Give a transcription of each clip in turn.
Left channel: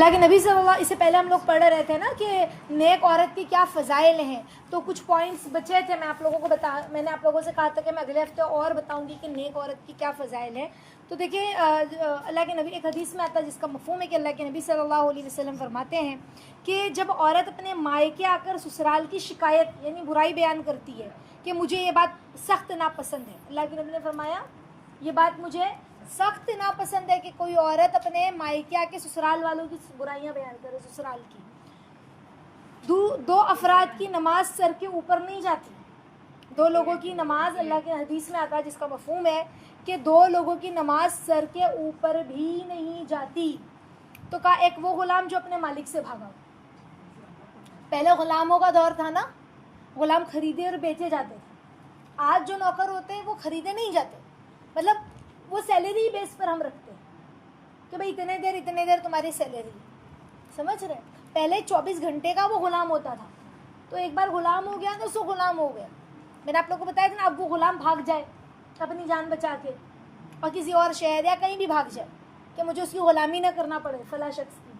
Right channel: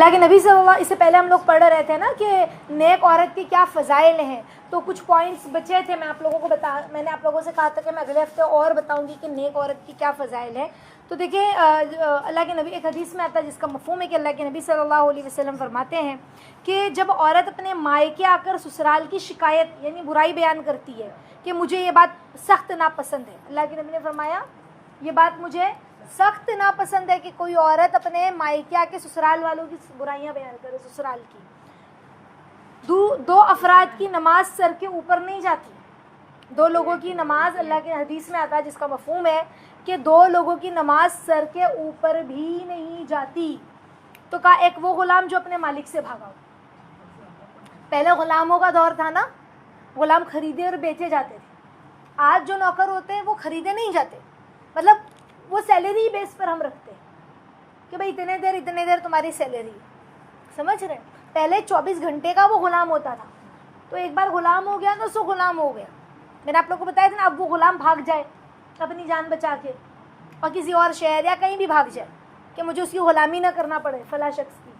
اللہ کے نبی صلی اللہ، اس سے پہلے ہم لوگ پڑھ رہے تھے نا کہ نیک عورت کی کیا فضائل ہیں، تو کچھ پوائنٹس بچے تھے، میں نے آپ لوگوں سے کہا تھا کہ میں اگلے ہفتے اور بتاؤں گی کہ نیک عورت کی کیا فضائل ہیں. تو دیکھیں اللہ کے نبی، ایک حدیث میں آتا ہے جس کا مفہوم ہے کہ اللہ کے نبی صلی اللہ علیہ وسلم فرماتے ہیں کہ جب عورت اپنے مائکے آ کر سسرال کی شکایت یعنی برائی بیان کرتی ہے کہ مجھے یہ بات سخت ناپسند ہے، اللہ کے نبی نے فرمایا یہ بات مجھے سخت ناپسند ہے کہ کوئی عورت اپنے مائکے آ کے سسرال والوں کی برائیاں بیان کرے. سسرال کی دو افراد کی نماز سر کے اوپر نہیں جاتی. دو لوگوں کی نماز، اللہ کے حدیث میں آتا ہے جس کا مفہوم ہے کہ دو لوگوں کی نماز سر کے اوپر بھی نہیں جاتی. تو کہا ایک وہ غلام جو اپنے مالک سے بھاگا ہو. پہلے غلاموں کا دور تھا نا، غلام خریدے اور بیچے جاتے تھے. آج جو نوکر ہوتے ہیں وہ خریدے نہیں جاتے، مطلب وہ سیلری بیس پر ہم رکھتے ہیں کہ بھائی اتنے دیر تمہاری سیلری ہے. سمجھ رہے؟ پہلے 24 گھنٹے کا وہ غلام ہوتا تھا، تو ایک بار غلام ہو گیا تو سو غلام ہو گیا. میں نے آپ لوگ کو بتایا تھا نا، اب وہ غلام بھاگ جائے اپنی جان بچا کے اور کسی اور شہر یا کہیں بھی بھاگ جائے کہ مجھے اس کی غلامی نہ کرنا پڑے فلاں شخص کی،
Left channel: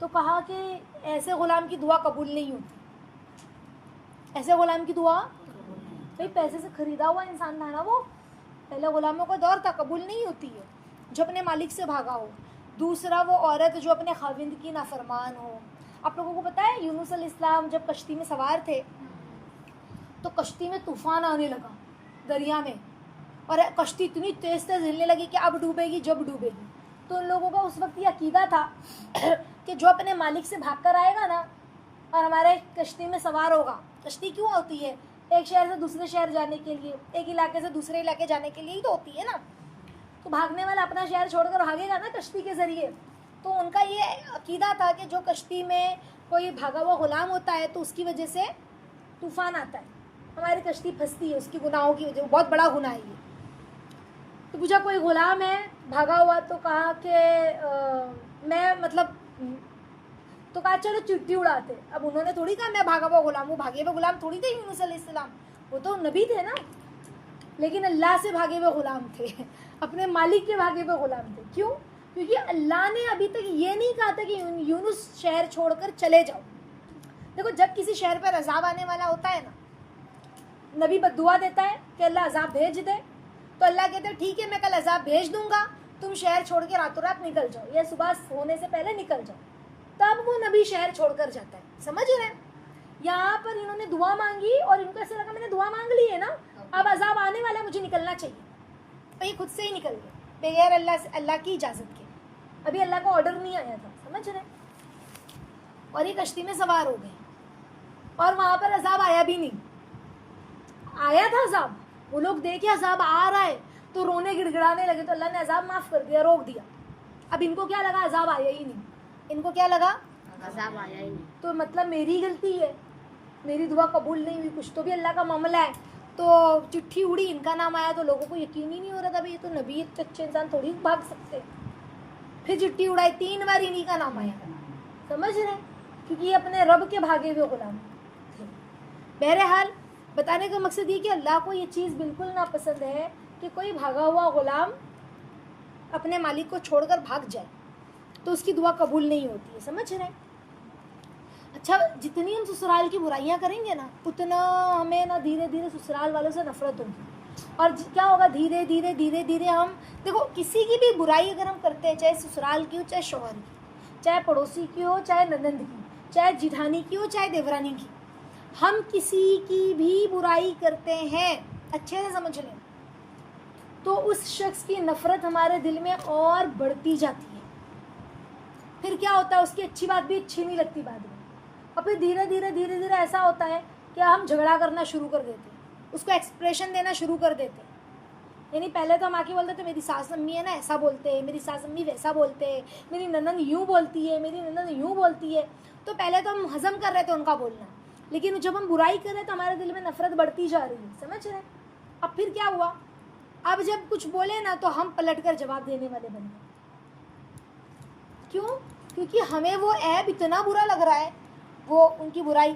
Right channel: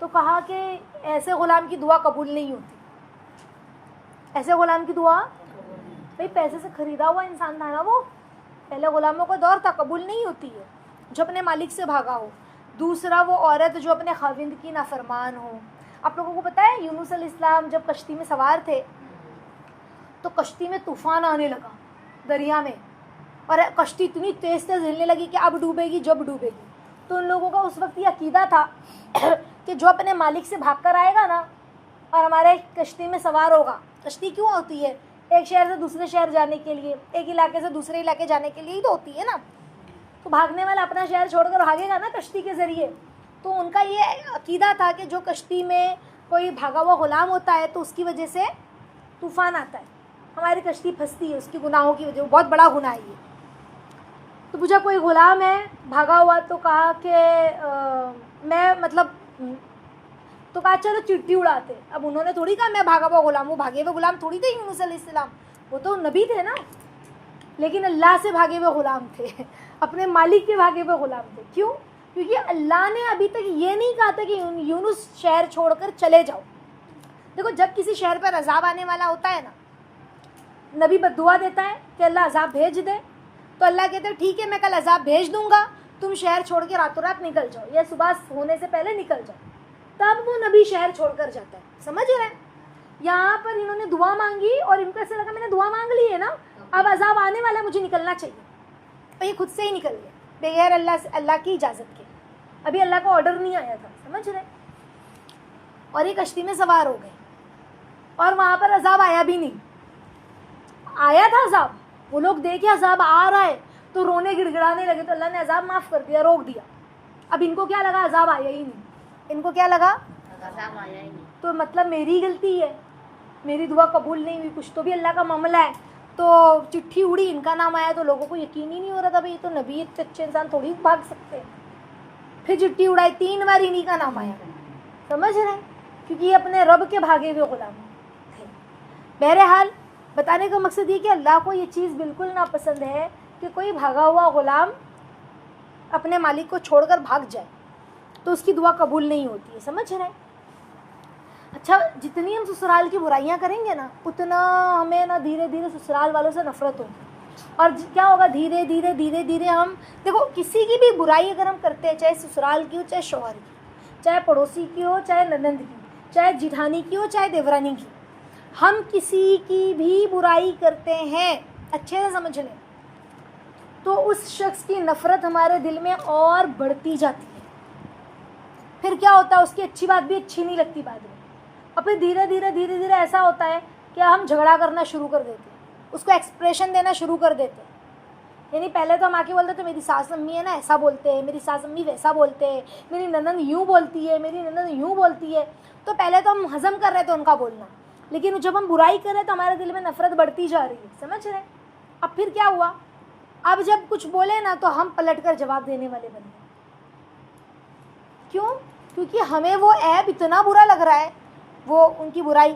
تو کہا کہ ایسے غلام کی دعا قبول نہیں ہوتی. ایسے غلام کی دعا، بھائی پیسے سے خریدا ہوا انسان تھا نا وہ، پہلے غلاموں کا دور تھا، قبول نہیں ہوتی ہے جو اپنے مالک سے بھاگا ہو. دوسرا وہ عورت جو اپنے خاوند کی نافرمان ہو. آپ لوگوں کو پتہ ہے یونس علیہ السلام جب کشتی میں سوار تھے تو کشتی میں طوفان آنے لگا دریا میں، اور کشتی اتنی تیز ہلنے لگی کہ اب ڈوبے گی جب ڈوبے گی. تو ان لوگوں کا اس وقت یہ عقیدہ تھا کہ جو اپنے مالک سے بھاگ کر آئے گا نا اور ہمارے کشتی میں سوار ہوگا. کشتی کیوں ہوتی ہے؟ ایک شہر سے دوسرے شہر جانے کے لیے، ایک علاقے سے دوسرے علاقے جانے کے لیے ہی تو ہوتی ہے نا. تو بھاگنے والا اپنا شہر چھوڑ کر بھاگے گا نا کشتی کے ذریعے. تو ان کا یہ عقیدہ تھا کہ جو کشتی میں کوئی بھاگا ہوا غلام ہوتا ہے تو اس کی وجہ سے طوفان آتا ہے، ہماری کشتی پھنستی ہے اس کی گناہوں کی وجہ، بہت بڑا گناہ ہے یہ. تو پوچھا کوئی غلام ہے بھاگا ہوا، تو کہا کہ میں تو کہا چلو چٹھی اڑاتے. اب انہوں نے تھوڑی کہا میں بھاگا ہوا غلام، وہ بھاگے ہوئے غلام تھوڑی تھے یونس علیہ السلام، وہ تو نبی تھے نا، لیکن اللہ سے بھاگے ہوئے غلام تھے، اپنے مالک کے بھاگے ہوئے غلام تھے. کیوں؟ کیونکہ اللہ نے ابھی تک یہ نہیں کہا تھا کہ یونس شہر چھوڑ کر چلے جاؤ. دیکھو جب کسی شہر پر عذاب آنے والا ہوتا ہے نا، نبی بد دعا دیتا ہے کہ اللہ عذاب بھیج دے، تو اللہ کہتے ہیں ٹھیک ہے میں کل عذاب بھیج دوں گا، تم شہر چھوڑ کے راتوں رات نکل جاؤ یا صبح ہونے سے پہلے نکل جاؤ. تب وہ نبی شہر چھوڑ کر جاتا ہے. سمجھ رہے ہیں؟ یہاں پر انہوں نے دعا مانگی اور ان کو ایسا لگا میں نے دعا مانگ لی ہے نا، اب عذاب آنے والا مجھے نکلنا چاہیے، تو یہ خود سے ہی نکل گئے بغیر اللہ کی اجازت کے. ابھی اللہ کا آرڈر نہیں آیا تھا. سمجھ رہے؟ اور یہ کشتی میں سوار ہو گئے اور وہاں پر عذاب آیا بھی نہیں. آیا تھا عذاب، وہ لوگ دیکھے عذاب آ رہا ہے تو رونے گڑگڑانے لگے، تو اللہ نے عذاب معاف کر دیا، روک دیا. اب ان کو کیا لگا عذاب آیا ہی نہیں، ان کو کیا لگا عذاب آیا ہی نہیں، تو مطلب میری غلطی ہے، میری دعا قبول نہیں ہوئی، کچھ تو بھی اللہ کا معاملہ ہے. تو چٹھی اڑی، ان کا نام آیا تو لوگوں کو یقین ہی نہیں ہو رہا تھا، بھائی یہ تو نبی اچھے انسان تھوڑی بھاگ سکتے. پھر چٹھی اڑائی، 3 بار انہی کا نام آیا. سمجھ رہے ہیں؟ کیونکہ یہ اپنے رب کے بھاگے ہوئے غلام تھے. بہرحال بتانے کا مقصد یہ کہ اللہ کو یہ چیز بالکل ناپسند ہے کہ کوئی بھاگا ہوا غلام اپنے مالک کو چھوڑ کر بھاگ جائے، تو اس کی دعا قبول نہیں ہوتی ہے. سمجھ رہے ہیں؟ اچھا، جتنی ہم سسرال کی برائیاں کریں گے نا اتنا ہمیں نا دھیرے دھیرے سسرال والوں سے نفرت ہوگی. اور کیا ہوگا، دھیرے دھیرے ہم دیکھو کسی کی بھی برائی اگر ہم کرتے ہیں، چاہے سسرال کی ہو، چاہے شوہر کی، چاہے پڑوسی کی ہو، چاہے ننند کی، چاہے جیٹھانی کی ہو، چاہے دیورانی کی، ہم کسی کی بھی برائی کرتے ہیں اچھے سے سمجھ لیں تو اس شخص کی نفرت ہمارے دل میں اور بڑھتی جاتی ہے. پھر کیا ہوتا ہے، اس کی اچھی بات بھی اچھی نہیں لگتی بعد میں، اور پھر دھیرے دھیرے ایسا ہوتا ہے کہ ہم جھگڑا کرنا شروع کر دیتے ہیں، اس کو ایکسپریشن دینا شروع کر دیتے ہیں. یعنی پہلے تو ہم آ کے بولتے تھے میری ساس امی ہے نا ایسا بولتے ہیں، میری ساس امی ویسا بولتے ہیں، میری ننند یوں بولتی ہے، میری ننند یوں بولتی ہے. تو پہلے تو ہم ہضم کر رہے تھے ان کا بولنا، لیکن جب ہم برائی کر رہے تو ہمارے دل میں نفرت بڑھتی جا رہی ہے. سمجھ رہے؟ اب پھر کیا ہوا، اب جب کچھ بولے نا تو ہم پلٹ کر جواب دینے والے بن گئے. کیوں؟ کیونکہ ہمیں وہ عیب اتنا برا لگ رہا ہے، وہ ان کی برائی،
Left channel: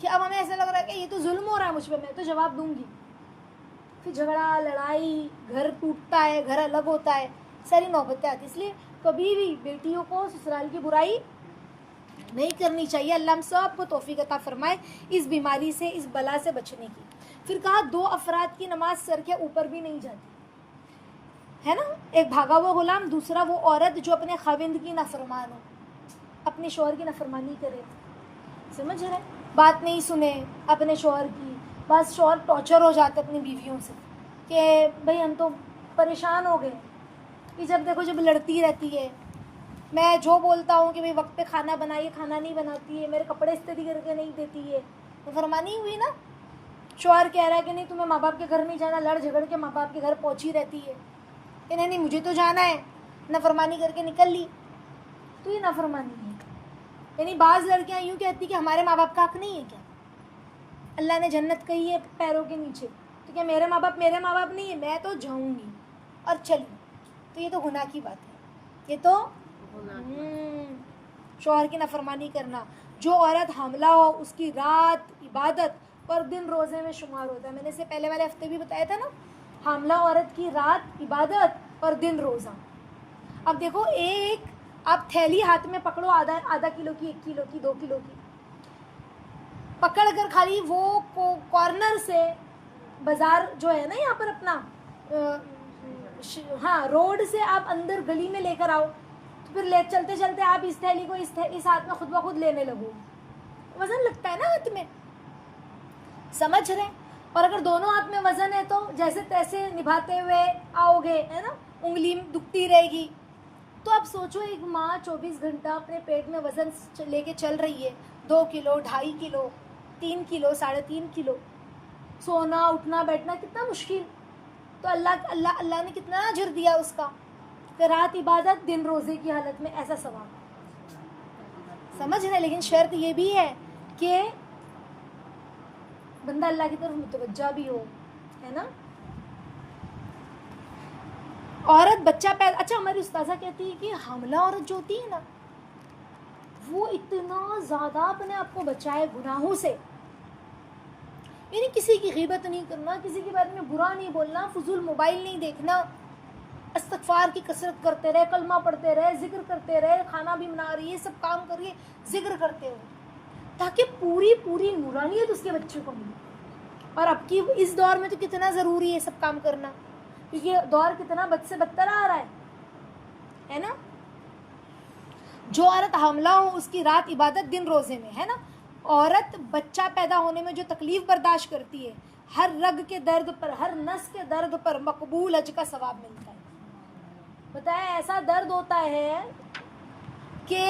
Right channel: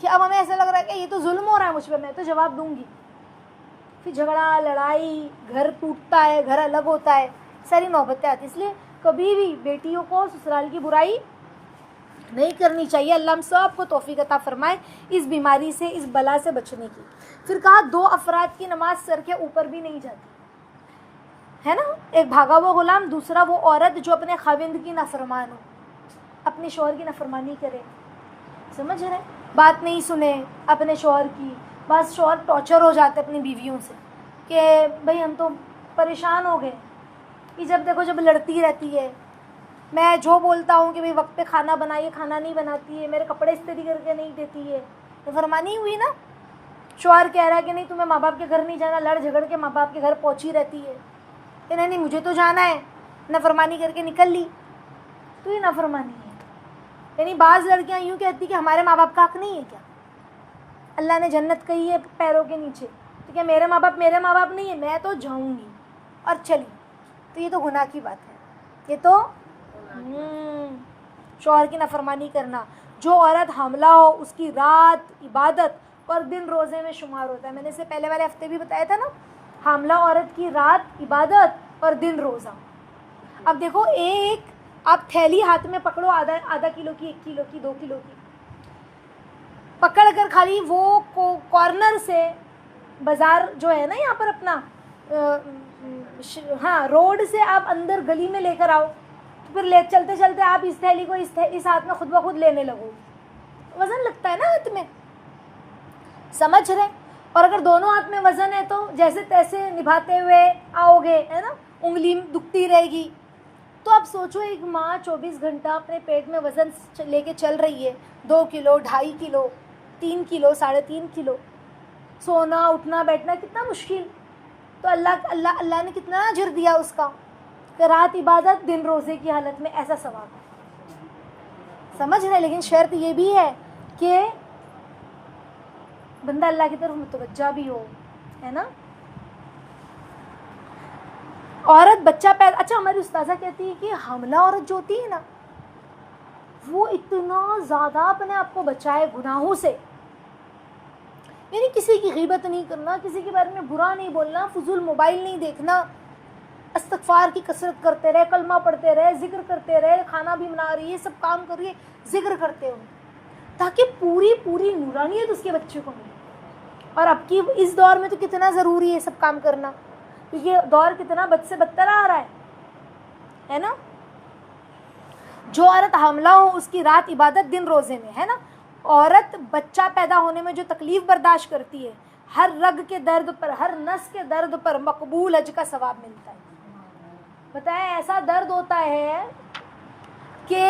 کہ اب ہمیں ایسا لگ رہا ہے کہ یہ تو ظلم ہو رہا ہے مجھ پہ، میں تو جواب دوں گی. پھر جھگڑا لڑائی، گھر ٹوٹتا ہے، گھر الگ ہوتا ہے، ساری نوبتیں آتی. اس لیے کبھی بھی بیٹیوں کو سسرال کی برائی نہیں کرنی چاہیے. اللہ ہم سب کو توفیق عطا فرمائے اس بیماری سے, اس بلا سے بچنے کی. پھر کہا 2 افراد کی نماز سر کے اوپر بھی نہیں جاتی ہے نا, ایک بھاگا ہوا غلام, دوسرا وہ عورت جو اپنے خاوند کی نافرمان ہو, اپنے شوہر کی نافرمانی کرے, سمجھ رہے, بات نہیں سنے اپنے شوہر کی. بعض شوہر ٹارچر ہو جاتے اپنی بیویوں سے کہ بھئی ہم تو پریشان ہو گئے, کہ جب دیکھو جب لڑتی رہتی ہے, میں جو بولتا ہوں کہ بھئی وقت پہ کھانا بنائیے, کھانا نہیں بناتی ہے, میرے کپڑے استری کر کے نہیں دیتی ہے, نافرمانی ہوئی نا. شوہر کہہ رہا ہے کہ نہیں تمہیں ماں باپ کے گھر نہیں جانا, لڑ جھگڑ کے ماں باپ کے گھر پہنچی رہتی ہے کہ نہیں مجھے تو جانا ہے, نافرمانی کر کے نکل لی, تو یہ نافرمانی ہے. یعنی بعض لڑکیاں یوں کہتی کہ ہمارے ماں باپ کا حق نہیں ہے کیا, اللہ نے جنت کہی ہے پیروں کے نیچے, تو کیا میرے ماں باپ نہیں ہے, میں تو جاؤں گی اور چلی. تو یہ تو گناہ کی بات ہے, یہ تو شوہر کی نافرمانی کرنا. جو عورت حاملہ ہو اس کی رات عبادت اور دن روزے میں شمار ہوتا ہے. میں نے اسے پہلے والے ہفتے بھی بتایا تھا نا, حاملہ عورت کی رات عبادت اور دن روزہ. اب دیکھو ایک آپ تھیلی ہاتھ میں پکڑو, آدھا کلو کی, 1 کلو کی, 2 کلو کی, پکڑ کر خالی وہ کارنر سے بازار جو ہے نا یہاں پر اپنا ہاں روڈ سے آپ اندر گلی میں لے کر آؤ, تو پھر چلتے چلتے آپ اس تھیلی کو اس ہاتھ میں خود بخود لینے لگو, وزن لگتا ہے نا ہاتھ میں, سمجھ رہے. اور اگر دونوں ہاتھ میں وزن ہے تو جیسے تیسے نبھاتے ہوئے آؤ گے, ہے نا, انگلی دکھتی رہے گی. تو آپ سوچو ایک ماں 24 گھنٹہ اپنے پیٹ میں وزن لے کے چل رہی ہے, 2 کلو, 2.5 کلو, 3 کلو, 3.5 کلو, سونا اٹھنا بیٹھنا کتنا مشکل. تو اللہ نے کتنا اجر دیا اس کا, کہ رات عبادت دن روزے کی حالت میں ایسا ثواب, سمجھ رہے. لیکن شرط یہ بھی ہے کہ بندہ اللہ کی طرف متوجہ بھی ہو, ہے نا. عورت بچہ پیدا, اچھا ہماری استاذہ کہتی ہے کہ حاملہ عورت جو ہوتی ہے نا وہ اتنا زیادہ اپنے آپ کو بچائے گناہوں سے, یعنی کسی کی غیبت نہیں کرنا, کسی کے بارے میں برا نہیں بولنا, فضول موبائل نہیں دیکھنا, استغفار کی کثرت کرتے رہے, کلمہ پڑھتے رہے, ذکر کرتے رہے, کھانا بھی بنا رہی ہے, سب کام کر رہی ہے, ذکر کرتے ہو, تاکہ پوری نورانیت اس کے بچے کو ملے. اور اب کی اس دور میں تو کتنا ضروری ہے سب کام کرنا, کیونکہ دور کتنا بد سے بدتر آ رہا ہے نا. جو عورت حاملہ ہو اس کی رات عبادت دن روزے میں, ہے نا. عورت بچہ پیدا ہونے میں جو تکلیف برداشت کرتی ہے, ہر رگ کے درد پر, ہر نس کے درد پر مقبول حج کا ثواب ملتا ہے. بتائیں ایسا درد ہوتا ہے کہ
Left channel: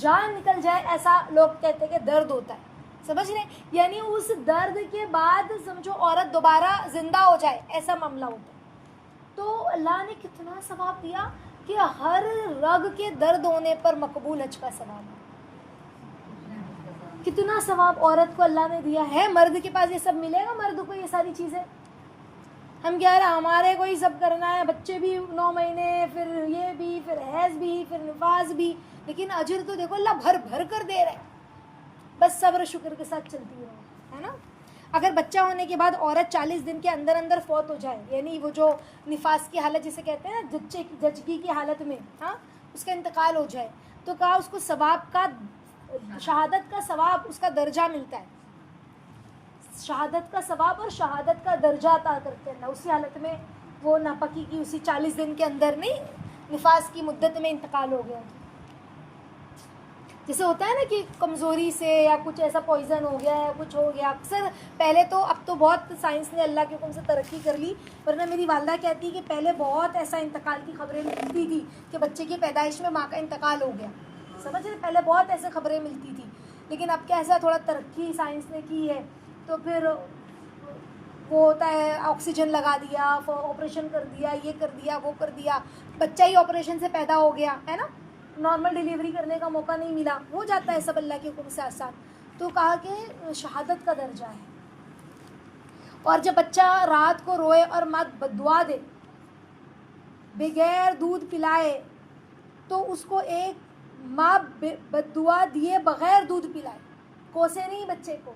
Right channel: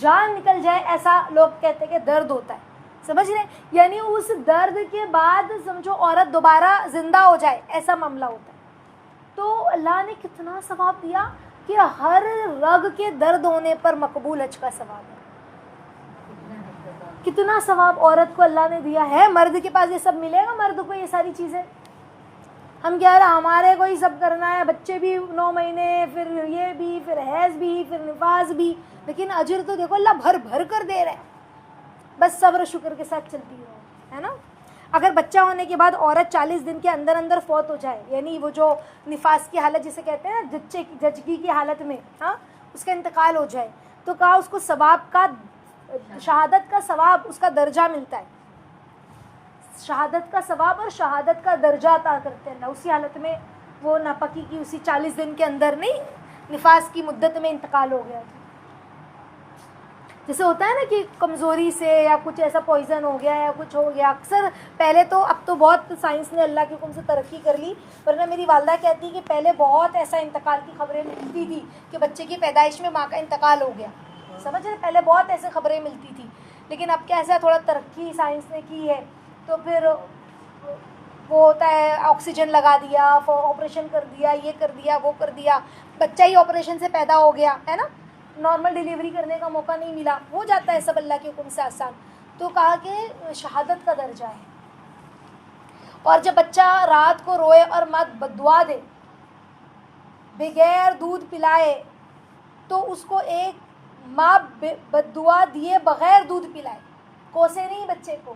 جان نکل جائے, ایسا لوگ کہتے ہیں کہ درد ہوتا ہے, سمجھ رہے. یعنی اس درد کے بعد سمجھو عورت دوبارہ زندہ ہو جائے, ایسا معاملہ ہوتا ہے. تو اللہ نے کتنا ثواب دیا کہ ہر رگ کے درد ہونے پر مقبول حج کا ثواب ہے. کتنا ثواب عورت کو اللہ نے دیا ہے. مرد کے پاس یہ سب ملے گا, مرد کو یہ ساری چیزیں, ہم کہہ رہے ہمارے کو ہی سب کرنا ہے, بچے بھی 9 مہینے, پھر یہ بھی, پھر حیض بھی, پھر نفاس بھی, لیکن اجر تو دیکھو اللہ بھر بھر کر دے رہے ہیں. بس صبر و شکر کے ساتھ چلتی ہے نا. اگر بچہ ہونے کے بعد عورت 40 دن کے اندر فوت ہو جائے, یعنی وہ جو نفاس کی حالت جسے کہتے ہیں نا, جچگی کی حالت میں, ہاں, اس کا انتقال ہو جائے, تو کہا اس کو ثواب کا, شہادت کا ثواب, اس کا درجہ ملتا ہے. شہادت کا ثواب اور شہادت کا درجہ عطا کرتے ہیں. اسی حالت میں وہ ناپاکی کی اسی 40 دن کے اندر نہیں, نفاس کی مدت میں انتقال ہو گیا. جیسے ہوتا ہے نا کہ کمزوری سے یا کچھ ایسا پوائزن ہو گیا یا کچھ ہو گیا, اکثر پہلے تو, اب تو بہت سائنس نے اللہ کے حکم سے ترقی کر لی, ورنہ میری والدہ کہتی کہ پہلے بہت ایسا انتقال کی خبریں ملتی تھی کہ بچے کی پیدائش میں ماں کا انتقال ہو گیا, سمجھ رہے. پہلے بہت ایسے خبریں ملتی تھی, لیکن اب کیا ایسا تھوڑا ترقی سائنس نے کی ہے, تو پھر وہ ہوتا ہے آکسیجن لگا دیا, آپریشن کر دیا, یہ کر دیا, وہ کر دیا, بچہ ہی آپریشن سے پیدا ہو گیا, ہے نا, نارمل ڈیلیوری کرنے کا موقع نہیں ملا, ہو جاتا ہے سب اللہ کے حکم سے آسان. تو کہا کہ شہادت کا درجہ ہے. اور جب بچہ رات کو روئے اور ماں بددعا دے, بغیر دودھ پلائے, تو اس کو ایک ماں بددعا دیے بغیر دودھ پلائے, کوسے نہیں بچے کو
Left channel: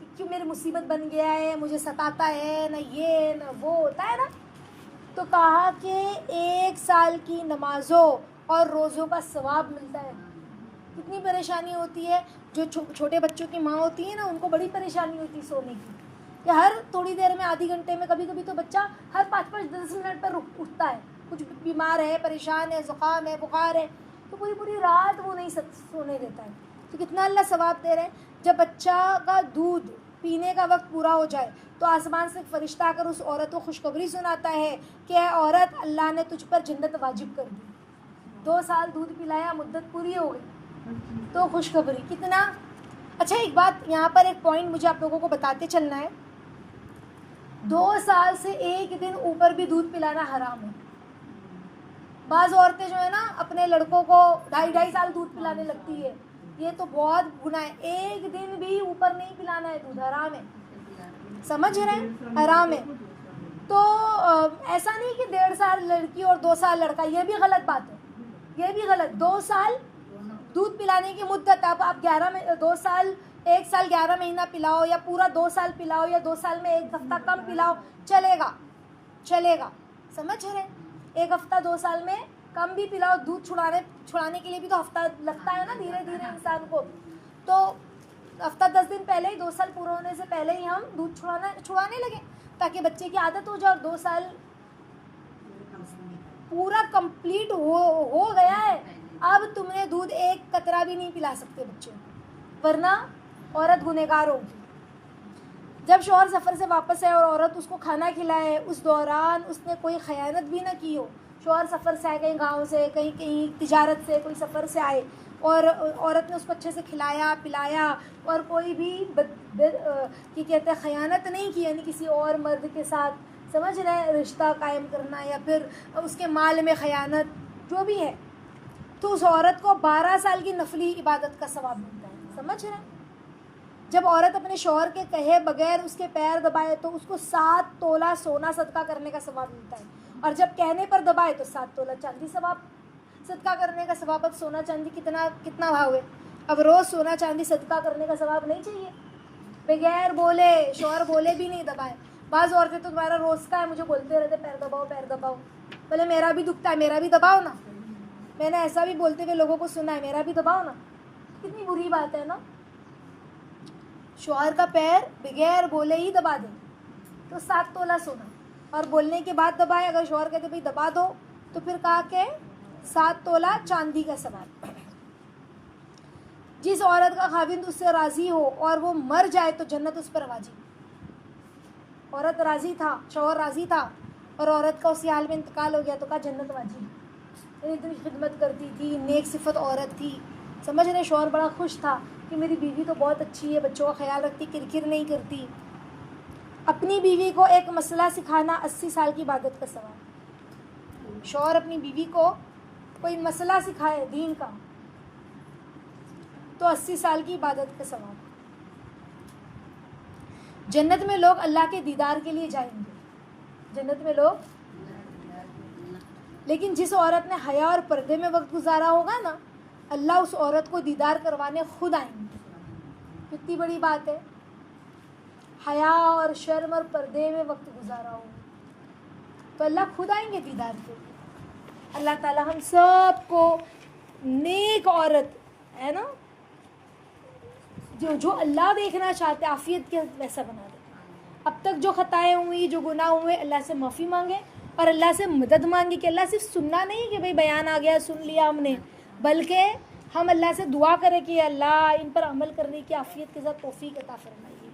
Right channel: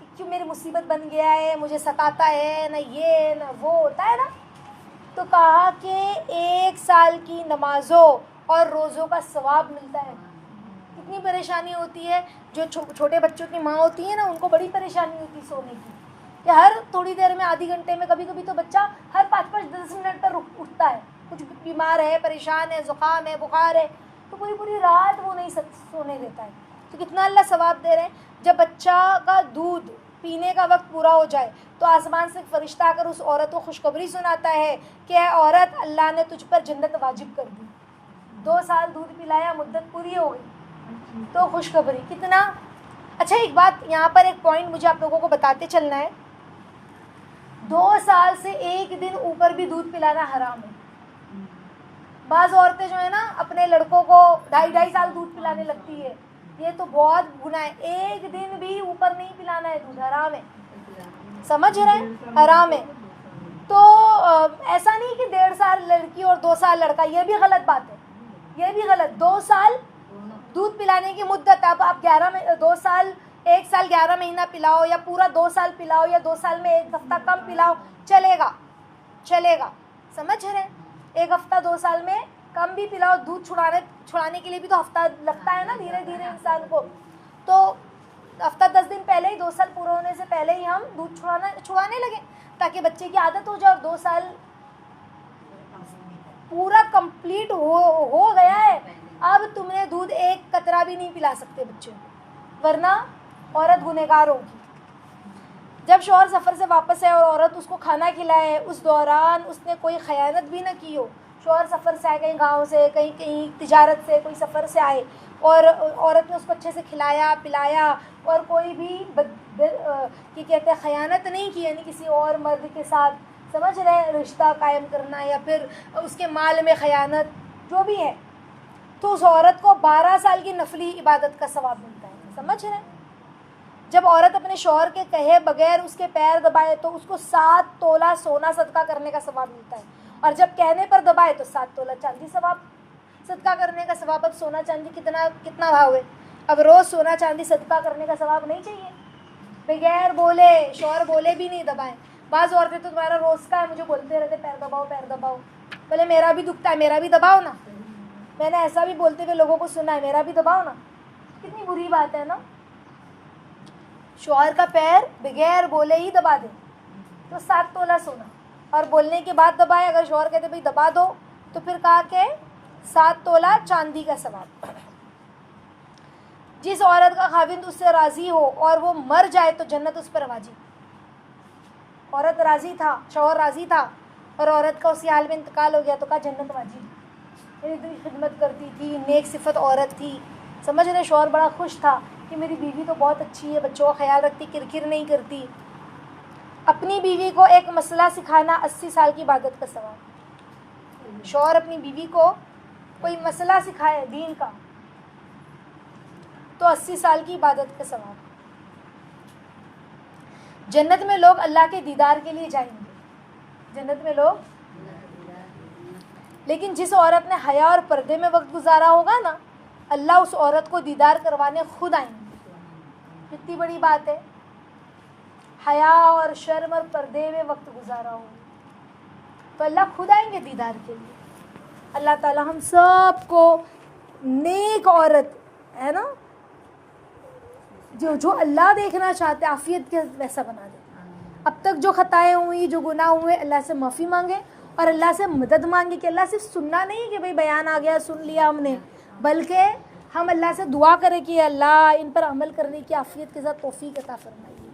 کہ کیوں میری مصیبت بن گیا ہے, مجھے ستاتا ہے, نہ یہ نہ وہ ہوتا ہے نا, تو کہا کہ 1 سال کی نمازوں اور روزوں کا ثواب ملتا ہے. کتنی پریشانی ہوتی ہے. جو چھوٹے بچوں کی ماں ہوتی ہے نا, ان کو بڑی پریشانی ہوتی ہے سونے کی, کہ ہر تھوڑی دیر میں, آدھی گھنٹے میں, کبھی کبھی تو بچہ ہر 5-5-10 منٹ پر اٹھتا ہے, کچھ بیمار ہے, پریشان ہے, زکام ہے, بخار ہے, تو پوری پوری رات وہ نہیں سونے دیتا ہے. تو کتنا اللہ ثواب دے رہے ہیں. جب بچہ کا دودھ پینے کا وقت پورا ہو جائے تو آسمان سے فرشتہ آ کر اس عورت کو خوشخبری سناتا ہے کہ اے عورت, اللہ نے تجھ پر جنت واجب کر دی. 2 سال دودھ پلایا, مدت پوری ہو گئی, تو خوشخبری. کتنا اچھا. ایک بات یہاں پر, ایک پوائنٹ مجھے آپ لوگوں کو بتاتے چلنا ہے. 2 سال سے 1 دن اوپر بھی دودھ پلانا حرام ہے. بعض عورتیں جو ہے نا اپنے لڑکوں کو 2.5 سال دودھ پلانے لگتی ہے, یہ تو بہت گناہ ہے. 1 دن بھی اوپر نہیں پلانا ہے دودھ, حرام ہے. سمجھ رہے ہیں, حرام ہے. تو ایسا نہیں کہ 1.5 سال لڑکی اور 2 سال لڑکا, یہ بھی غلط بات ہے, یہ بھی غلط. 2 سال دودھ پلانے کی مدت. اب آپ 2 سال 1 سال 11 مہینہ پلاؤ, یا پورا 2 سال پلاؤ, یا 2 سال میں 1 ہفتہ کم پلاؤ, چلے گا, چلے گا. سمجھ رہے ہیں. 1 ہفتہ 2 سال میں کم بھی پلاؤ, دودھ چھڑانے کے لیے بھی تو ہفتہ لگتا ہے نا, دھیرے دھیرے انسان کو. تو ہفتہ 10 دن پہلے ہی, 2 سال پورا ہونے سے پہلے ہی ہم دودھ چھڑانے لگے, تاکہ بچے کی عادت ہو جائے. اور 2 سال پورا کمپلیٹ ہو گیا ہے, اب تم نے دودھ 1 قطرہ بھی نہیں پلا سکتے بچوں, ورنہ عورت گنہگار ہوگی. جب شوہر سفر سے واپس آئے اور عورت اس کو کھانا کھلائے, اس دوران اس نے کوئی خیانت بھی نہ کی ہو. شوہر سفر سے آئے, کہیں گاؤں سے, کہیں تجارت سے, کوئی سفر سے آئے, اور عورت نے اس کو اچھے سے کھلایا پلایا, اور کوئی بھی کہتے ہیں خیانت نہیں کی, یعنی کسی اور مرد کے ساتھ, سمجھ رہے ہیں, رشتہ قائم کرنا, یا پھر اس کے مال میں خیانت, جو بھی ہے, تو اس عورت کو 12 سال کی نفلی عبادت کا ثواب ملتا ہے. سمجھ رہے ہیں. جب عورت اپنے شوہر کے کہے بغیر اس کے پیر دبائے تو اس کو 7 تولہ سونا صدقہ کرنے کا ثواب ملتا ہے, اور جب کہنے پر دبائے تو 7 تولہ چاندی ثواب صدقہ کرنے کا ثواب. اب سونا چاندی کتنا بھاؤ ہے, اب روز سونا چاندی صدقہ کرنے کا ثواب نہیں چاہیے, بغیر بولے, شوہر بولے بھی نہیں دبائیں. بعض عورتیں تو تمہارا روز کا ہے, مجھے بولتے رہتے پیر دباؤ پیر دباؤ. بولے میرا بھی دکھتا ہے, میرا بھی دباؤ نا. میں نے ایسا بھی بولتے ہوئے لوگوں کو سنا ہے, میرا بھی دباؤ نا. کتنی بری بات ہے نا. شوہر کا پیر بغیر بولے ہی دبا دے تو 7 تولہ سونا, اور بولنے کے بعد دبائے. اگر شوہر کہتے بھائی دبا دو, تو پھر کہا کہ 7 تولہ چاندی کا ثواب. جس عورت کا خاوند اس سے راضی ہو اور وہ مر جائے تو جنت اس پر واجب. عورت راضی تھا, شوہر راضی تھا, اور عورت کا اسی حال میں انتقال ہو گیا تو کہا جنت واجب. اتنی خدمت کرتی تھی, نیک صفت عورت تھی, سمجھ رہے. شوہر بڑا خوش تھا کہ میری بیوی تو بہت اچھی ہے, بچوں کا خیال رکھتی, کرکر نہیں کرتی. اپنی بیوی کو ایک مسئلہ سکھانا 80 سال کی عبادت کا ثواب. شوہر اپنی بیوی کو کوئی مسئلہ سکھائے دین کا تو 80 سال کی عبادت کا ثواب. جنت میں لوگ اللہ کے دیدار کے لیے جائیں گے, جنت میں لوگ. لیکن جس عورت نے حیا اور پردے میں وقت گزارا ہوگا نا, اللہ اس عورت کو دیدار کروانے خود آئیں گے. کتنی بڑی بات ہے, حیا اور شرم اور پردے میں وقت گزارا ہو تو اللہ خود آئیں گے دیدار کے لیے. اللہ تعالی ہم سب کو نیک عورت ہے نا, جو اللہ دیکھنا چاہتے عافیت کے ویسا بنا دے. اب تک جو خطائیں ہوئی, جو گناہ ہوئے, اللہ سے معافی مانگے اور اللہ سے مدد مانگے, کہ اللہ صرف سننا نہیں کہ بھئی بیان آ گیا سن لیا ہم نے, بلکہ ہم اللہ سے دعا کریں کہ اللہ ان پر عمل کرنے کی عافیت کے ساتھ توفیق عطا فرمائیے.